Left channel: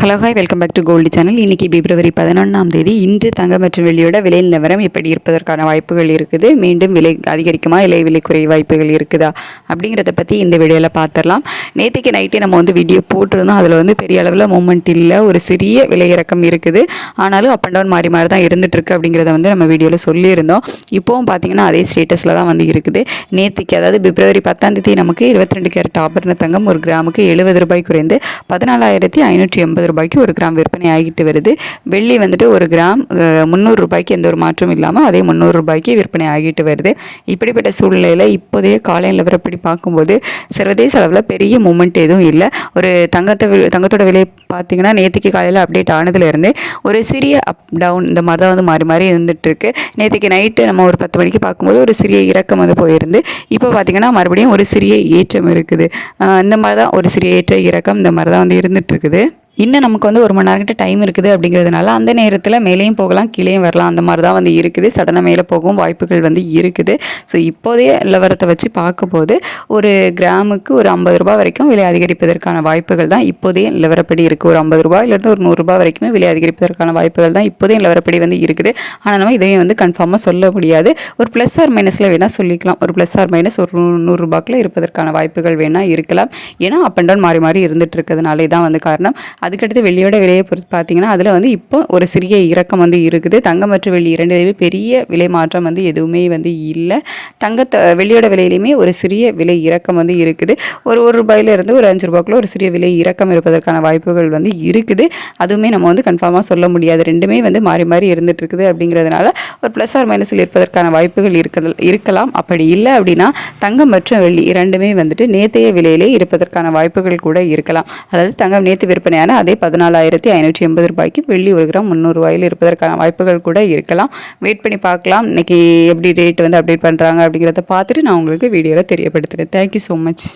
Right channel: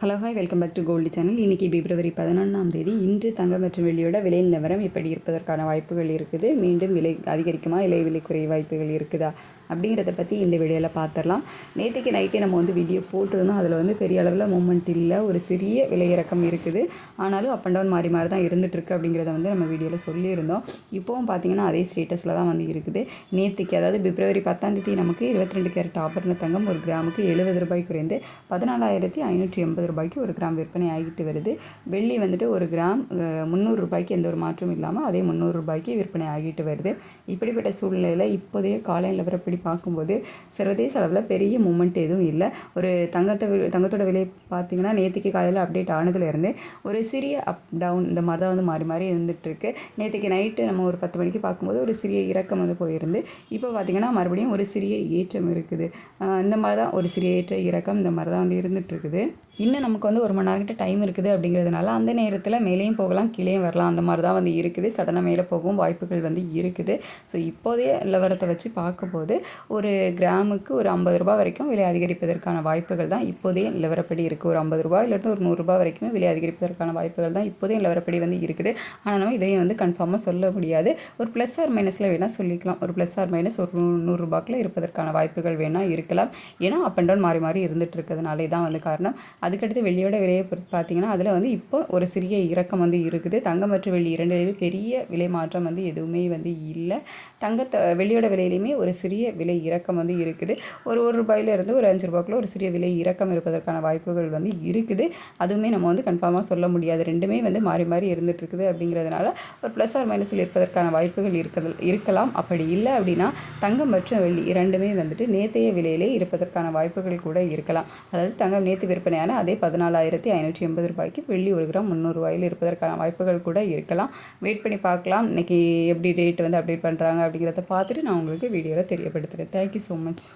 Hello hi welcome back to gold channel இன்றைக்கி பிப்ரவரி பதினொன்றாம் தேதி. இன்று தங்கம் மற்றும் வெள்ளியோட விலை நிலவரம் எப்படி இருப்பதற்கான வாய்ப்புகள் இருக்குது. மீண்டும் விலை அதிகரிக்குமா? இல்லை விலை குறை வாய்ப்புகள் இருக்குதா? அப்படிங்கிறத பற்றி இந்த வீடியோவில் பார்த்துடலாம் நேற்றுக்கு நைட்டே நம்ம வந்து வீடியோ போட்டிருந்தோம். அதில் வந்து பெரிய அளவில் மூமெண்ட் இல்லை. ஒரு சிறிய விலை இறக்கம் இருக்குது. ஆனாலும் அப் அண்ட் டவுன் மாறி மாறி தான் இருந்துகிட்ருக்கு அப்படிங்கிறத வந்து நம்ம வீடியோவில் சொல்லியிருந்தோம். இப்போவும் பார்த்தீங்கன்னா அதே ஸ்டேட்டஸில் தான் வந்து இருக்குது. நேற்றுக்கு அதாவது பிப்ரவரி பத்தாம் தேதி நமக்கு இருபத்தி ரெண்டு கேரட் ஆபரண தங்கம் ஒரு கிராமுக்கு எழுபது ரூபாய் குறைந்து பதினாலாயிரத்தி ஐநூற்றி எண்பது ரூபாய்க்கு ஒரு கிராம் விற்பனை ஆகிட்டு வருது. வெள்ளி வந்துட்டு ஒரு கிராம் முந்நூறு ரூபாய்க்கு எந்த ஒரு மாற்றமும் இல்லாமல் அதே முந்நூறு ரூபாய்க்கு விற்பனை ஆகிட்டு வருது. இப்படிப்பட்ட சூழ்நிலையில் இப்போதைய காலை நிலவரப்படி பார்க்கும்போது சர்வதேச அளவில் பெரிய மூமெண்ட் எதுவும் இல்லை. ஒரு தங்கத்தை தங்கத்தோட விலை பார்த்தீங்கன்னா நேற்றுக்கு காலையில் அப்டேட் ஆனதுலேருந்து ஒரு சிறிய அப் டவுன் இந்த மாதிரி தான் வந்து மாறி மாறி இருந்துட்டுருக்கு. நேற்றுக்கு நைட்டு நம்ம ஒரு பத்து மணிக்கு பார்க்கும்போது ஒரு சிறிய இறக்கம் வந்து போயிருந்து இப்போ பார்த்திங்கன்னா மறுபடியும் ஒரு சிறிய ஏற்றம் இருக்குது. இந்த மாதிரி தான் ஒரு சிறிய ஏற்ற இறக்கம் இந்த மாதிரி தான் வந்து இருந்துகிட்ருக்குது இன்னும் நமக்கு வந்து ஒரு மணி நேரம் கிட்ட டைம் இருக்குது அப்படிங்கிறதுனால அந்த நேரத்தில் மேலேயும் போகலாம் கீழேயும் வரலாம். அந்த மாதிரி தான் வந்து இருக்குது. சடனாக மேலே போகவும் வாய்ப்புகள் வந்து இருக்குது. ஸோ இப்போதைய நிலவரத்தை வச்சு பார்க்கும்போது ஒரு கிராமுக்கு ஒரு ஐம்பது ரூபாய் வரைக்கும் விலை அதிகரிப்பதற்கான வாய்ப்புகள் தான் இப்போதைய நிலவரப்படி இருக்குது ஒரு ஐம்பது ரூபாயிலிருந்து ஒரு நூறுரூபா வரைக்குமே விலை அதிகரிப்பதற்கான வாய்ப்புகள் தான் இப்போதைய நிலவரப்படி வந்து இருக்குது. ஆனால் நம்ம இதையும் வந்து கன்ஃபார்மாக சொல்ல முடியாது. ஒரு ப்ளஸ் ஆர் மைனஸில் வேணால் சொல்லிக்கலாம். ஒரு ப்ளஸ் ஆர் மைனஸ் ஒரு நூ- இருப்பதற்கான வாய்ப்புகள் வேணால் இருக்கலாம். ஏன்னா அப் அண்ட் டவுன் மாறி மாறி இருந்துகிட்டு இருக்கிறதுனாலே தான் வந்து காரணம். அதுக்கடுத்து வெள்ளியோட விலையை பொறுத்து பார்த்தீங்கன்னா அதில் வந்து இப்போ ஒரு சிறிய இறக்கம் வந்து இருக்குது. தங்கம் மற்றும் வெள்ளி இரண்டுலேயுமே பெரிய விலை மாற்றம் வந்து எதுவுமே வந்து இல்லை. தங்கத்தை வெள்ளியோட விலையிலையுமே ஒரு சிறிய விலை இறக்கம் வந்து இருக்குது. ஒரு ஒரு ரூபாயிலிருந்து ஒரு அஞ்சு ரூபாய்க்குள்ள ஒரு சிறிய விலை இறக்கம் இருப்பதற்கான வாய்ப்புகள் வந்து இருக்குது. அதுவுமே நம்ம வந்து கன்ஃபார்மாக சொல்ல முடியாது. ரெண்டுமே வந்து மாறி மாறி இருந்துட்டு இருக்குது அப்படிங்கிறதுனால ஒரு ப்ளஸ் ஆர் மைனஸில் இருப்பதற்கான வாய்ப்புகள் இருக்க இருக்கலாம். அப்படி இல்லை அப்படின்னா தங்கம் மற்றும் வெள்ளி இரண்டுமே வந்துட்டு நேத்தைய விலையிலே இருப்பதற்கான வாய்ப்புகள் கூட இருக்கலாம். அதாவது தங்கம் நேற்று விற்பனையான அதே பதினாலாயிரத்தி ஐநூற்றி எண்பது ரூபாய்க்கு வெள்ளி ஒரு கிராம் முந்நூறு ரூபாயில் இருப்பதற்கான வாய்ப்புகள் கூட இருக்கலாம். வெயிட் பண்ணி பார்க்கலாம். இன்னைக்கு எப்படி ரேட் வந்து அப்டேட் பண்ணுறாங்க அப்படிங்கிறத பார்த்துட்டு நான் உங்களுக்கு வீடியோவில் தெரியப்படுத்துகிறேன் தேங்க்யூ ஸோ மச்